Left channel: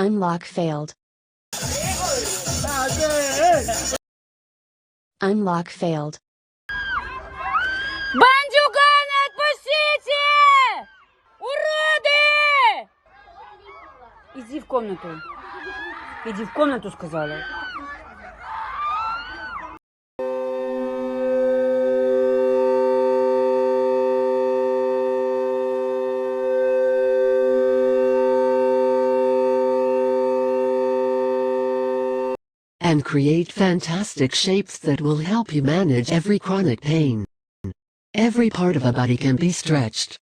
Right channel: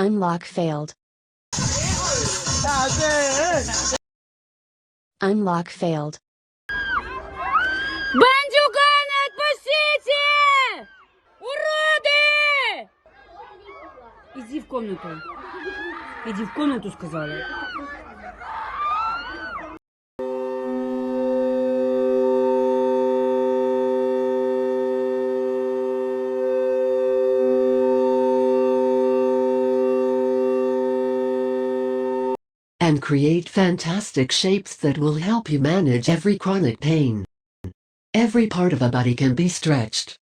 Unlock failed. Unlock failed. Бандюка не отпустите! Уроды! Иди в комнату. Иди в комнату, сказала. Create fantastic shapes that will help you manage every chronic pain. Every part of a body can be stretched.